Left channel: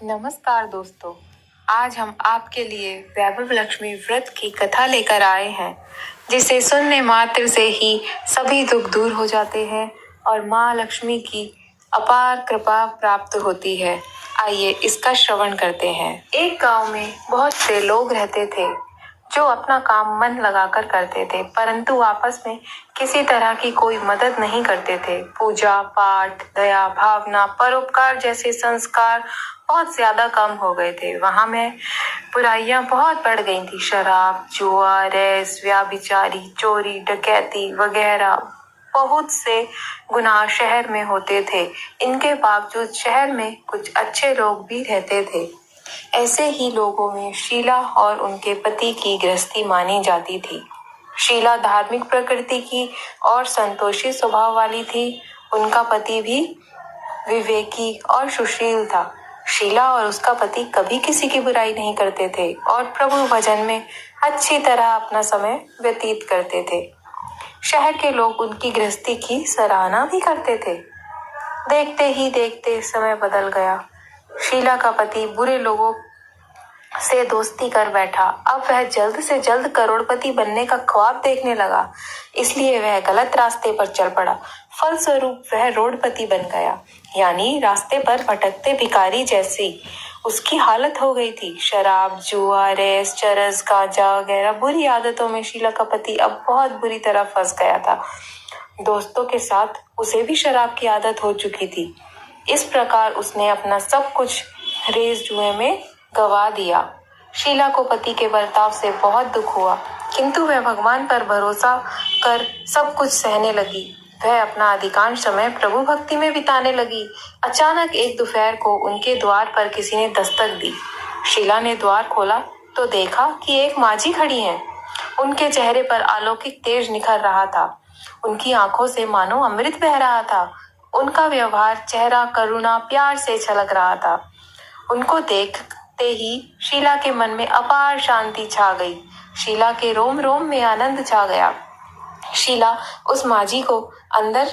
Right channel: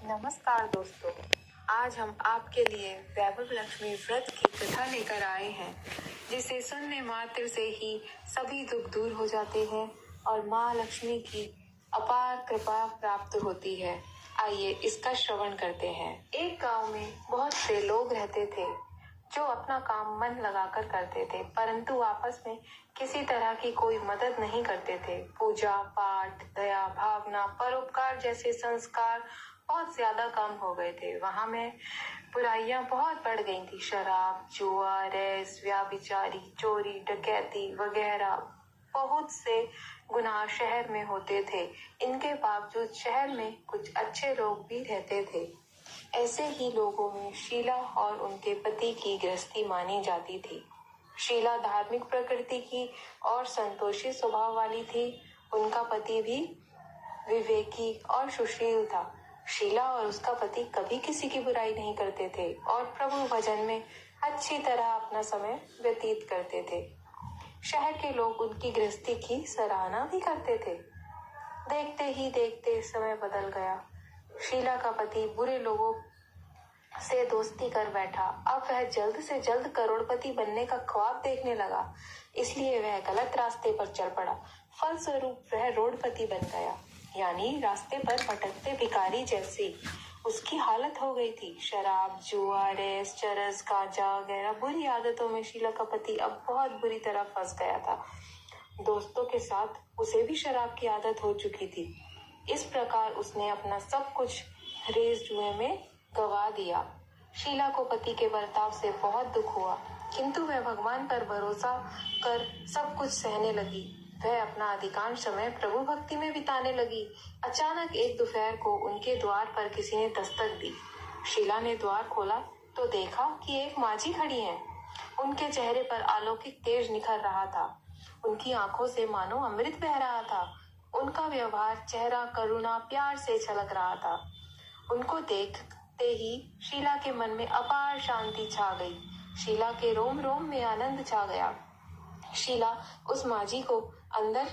नमस्कार दोस्तों। आज हम आपके लिए वैभव लक्ष्मी व्रत की कथा लेकर आए हैं, जिसे सुनने मात्र से ही सभी दुख दूर हो जाते हैं और माँ लक्ष्मी की अपार कृपा प्राप्त होती है। आइए इसका श्रवण करते हैं। एक गांव में बहुत से लोग रहते थे जो अपना काम मन लगाकर करते थे, परंतु आपस में किसी तरह की कोई मदद नहीं करते थे। पूजा पाठ, दया भावना, परोपकार जैसे संस्कार बहुत ज्यादा कम हो गए थे। वहां में बुराइयां बहुत बढ़ गई थी। शराब, जुआ, रेस, व्याभिचारी, चोरी, डकैती वगैरह बहुत से गुनाह शहर में होते थे। इनके बावजूद शहर में कुछ अच्छे लोग भी रहते थे। ऐसे ही लोगों में शीला और उनके पति की गृहस्थी मानी जाती थी। शीला धार्मिक प्रकृति की और संतोषी स्वभाव वाली थी। उनका पति भी विवेकी और सुशील था। शीला और उसका पति कभी किसी की बुराई नहीं करते थे और प्रभु भजन में अच्छी तरह अपना समय व्यतीत करते थे। शहर के लोग उनकी गृहस्थी की सराहना भी करते थे। देखते ही देखते समय बदल गया। शीला का पति बुरे लोगों से दोस्ती कर बैठा। अब वह जल्द से जल्द करोड़पति बनने का ख्वाब देखने लगा, इसलिए वह गलत रास्ते पर चल पड़ा। फलस्वरूप वह रोडपति बन गया, यानी रास्ते पर भटकते भिखारी जैसी उसकी हालत हो गई थी। शराब, जुआ, रेस, चरस, गांजा वगैरह बुरी आदतों में शीला का पति अब बहुत बुरी तरह फंस गया था। दोस्तों के साथ उसे भी शराब की आदत हो चुकी थी। इस प्रकार उसने अपना सब कुछ रेस जुए में गवा दिया। शीला को पति के बर्ताव से बहुत दुख हुआ, किंतु वह भगवान पर भरोसा कर सब कुछ सहने लगी। वह अपना अधिकांश समय प्रभु भक्ति में बिताने लगी। अचानक एक दोपहर को उनके द्वार पर किसी ने दस्तक दी। शीला ने द्वार खोला तो देखा कि एक माझी खड़ी है। उनके चेहरे पर अलौकिक तेज निखर रहा था। उनकी आंखों से मानो अमृत बह रहा था। उनका व्यवहार, चेहरा करुणा, प्यार से छलक रहा था। उनको देखते ही शीला के मन में अपार शांति छा गई। शीला के रोम रोम में आनंद छा गया। शीला उस माझी को अंदर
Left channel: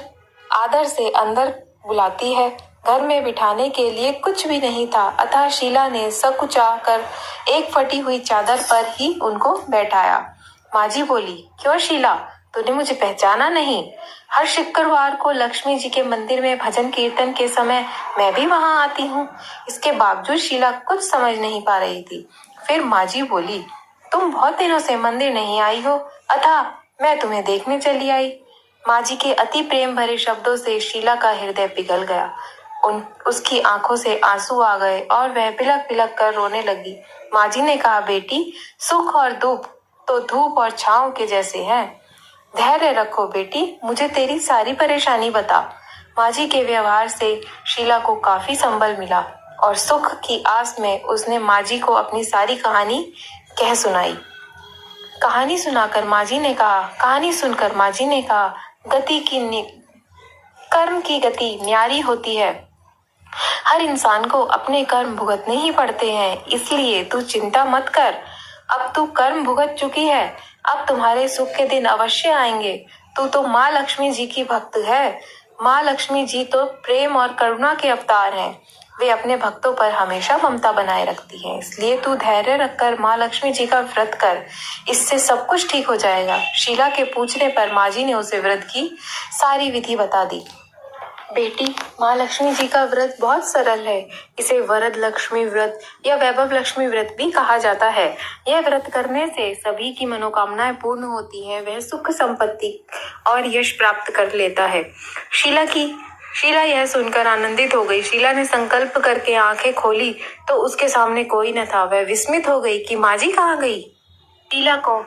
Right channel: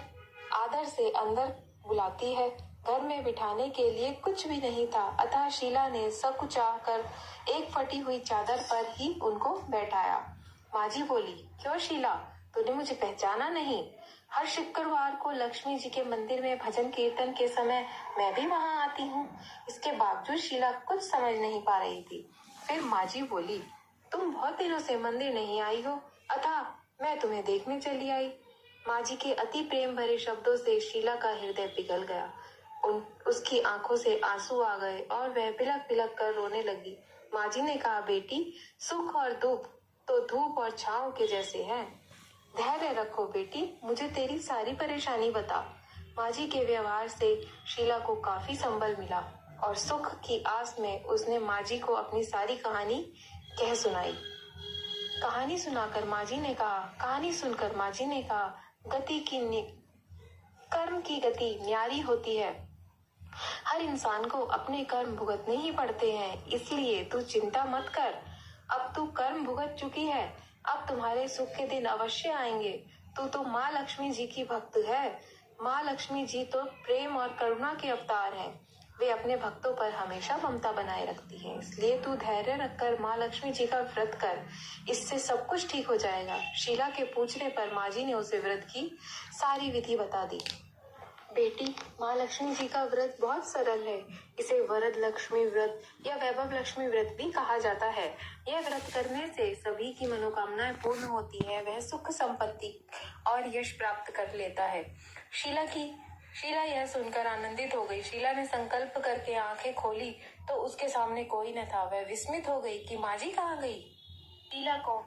आदर से अंदर बुलाती है। घर में बिठाने के लिए कुछ भी नहीं था, अतः शीला ने सकुचा कर एक फटी हुई चादर पर ही उनको बैठाया। माझी बोली, क्यों शीला, तूने मुझे पहचाना नहीं? हर शुक्रवार को लक्ष्मी जी के मंदिर में भजन कीर्तन के समय मैं भी वहां आती हूँ। इसके बावजूद शीला कुछ समझ नहीं पा रही थी। फिर माझी बोली, तुम बहुत दिनों से मंदिर नहीं आई हो, अतः मैं तुम्हें देखने चली आई। माझी के अति प्रेम भरे शब्दों से शीला का हृदय पिघल गया। उसकी आंखों से आंसू आ गए और वह पिलक पिलक कर रोने लगी। माझी ने कहा, बेटी, सुख और दुख तो धूप और छांव के जैसे हैं। धैर्य रखो बेटी, मुझे तेरी सारी परेशानी बता। माझी के व्यवहार से शीला को काफी संबल मिला और सुख की आस में उसने माझी को अपनी सारी कहानी कह सुनाई। कहानी सुनकर माझी ने कहा, कर्म की गति न्यारी होती है। हर इंसान को अपने कर्म भुगतने ही पड़ते हैं, इसलिए तू चिंता मत कर। अब तू कर्म भुगत चुकी है, अब तुम्हारे सुख के दिन अवश्य आएंगे। तू तो माँ लक्ष्मी जी की भक्त है। माँ लक्ष्मी जी तो प्रेम और करुणा के अवतार हैं। वे अपने भक्तों पर हमेशा ममता बनाए रखती हैं, इसलिए तू धैर्य रखकर माँ लक्ष्मी जी का व्रत कर, इससे सब कुछ ठीक हो जाएगा। शीला के पूछने पर माझी ने उसे व्रत की सारी विधि बता दी। बेटी, माँ लक्ष्मी जी का व्रत बहुत सरल है। इसे वरद लक्ष्मी व्रत या वैभव लक्ष्मी व्रत भी कहा जाता है। यह व्रत करने से सभी की मनोकामनाएं पूर्ण होती है। वह सुख संपत्ति और यश प्राप्त कर लेता है। शीला यह सुनकर आनंदित हो गई। शीला ने संकल्प करके आंखें खोली तो उसके सामने कोई न था। वह विस्मित हो गई कि माझी कहाँ गई। शीला को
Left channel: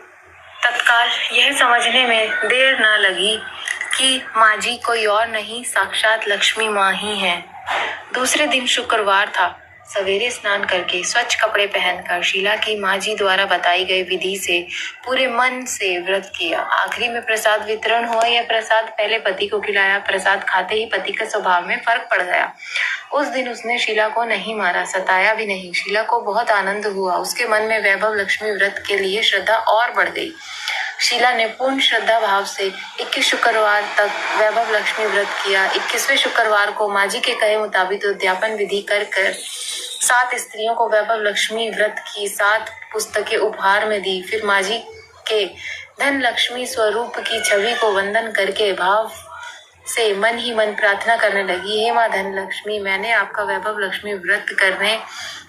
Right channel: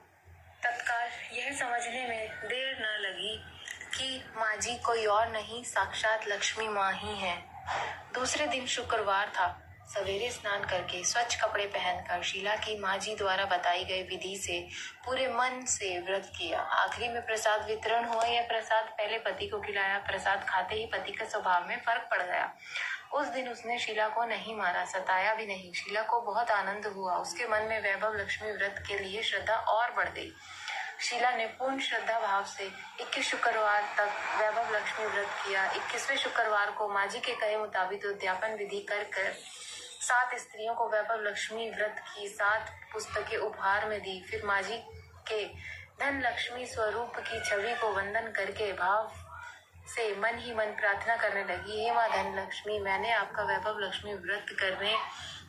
तत्काल यह समझने में देर न लगी कि माझी कोई और नहीं, साक्षात लक्ष्मी माँ ही है। दूसरे दिन शुक्रवार था। सवेरे स्नान करके स्वच्छ कपड़े पहनकर शीला की माझी द्वारा बताई गई विधि से पूरे मन से व्रत किया। आखिरी में प्रसाद वितरण हुआ। यह प्रसाद पहले पति को खिलाया। प्रसाद खाते ही पति के स्वभाव में फर्क पड़ गया। उस दिन उसने शीला को नहीं मारा, सताया भी नहीं। शीला को बहुत आनंद हुआ। उसके मन में वैभव लक्ष्मी व्रत के लिए श्रद्धा और बढ़ गई। शीला ने पूर्ण श्रद्धा भाव से 21 शुक्रवार तक वैभव लक्ष्मी व्रत किया। 21वें शुक्रवार को माझी के कहे मुताबिक उद्यापन विधि कर 7 स्त्रियों को वैभव लक्ष्मी व्रत की 7 पुस्तकें उपहार में दी। फिर माँ जी के धन लक्ष्मी स्वरूप की छवि को वंदन करके भाव से मन ही मन प्रार्थना करने लगी। हे माँ धन लक्ष्मी, मैंने आपका वैभव लक्ष्मी व्रत करने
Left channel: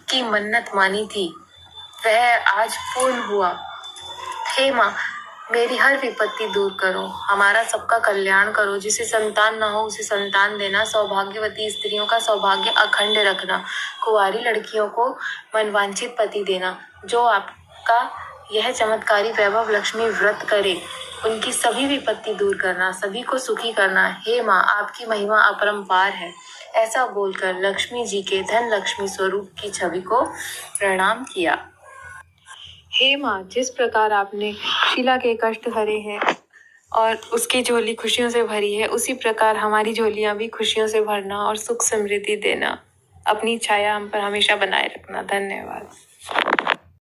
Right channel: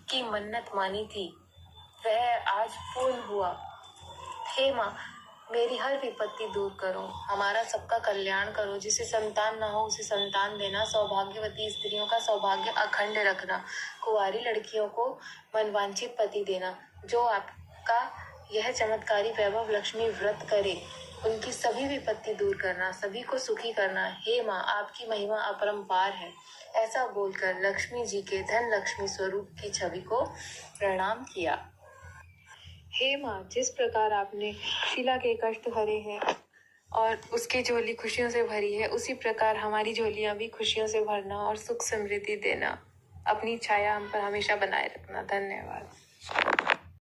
की मन्नत मानी थी, वह आज पूर्ण हुआ। हे माँ, मेरी हर विपत्ति दूर करो, हमारा सबका कल्याण करो। जिसे संतान न हो उसे संतान देना, सौभाग्यवती स्त्रियों का सौभाग्य अखंड रखना, कुंवारी लड़कियों को मनवांछित पति देना। जो आपका यह चमत्कारी वैभव लक्ष्मी व्रत करे उनकी सभी विपत्ति दूर करना, सभी को सुखी करना। हे माँ, आपकी महिमा अपरंपार है। ऐसा बोलकर लक्ष्मी जी के धन लक्ष्मी स्वरूप की छवि को प्रणाम किया। हे माँ, जिस प्रकार आपने शीला के कष्ट हरे हैं और उसकी झोली खुशियों से भरी है, उसी प्रकार हमारी झोलियां भी खुशियों से भरना और सुख समृद्धि देना। अपनी छाया हम पर हमेशा बनाए रखना। धन्यवाद।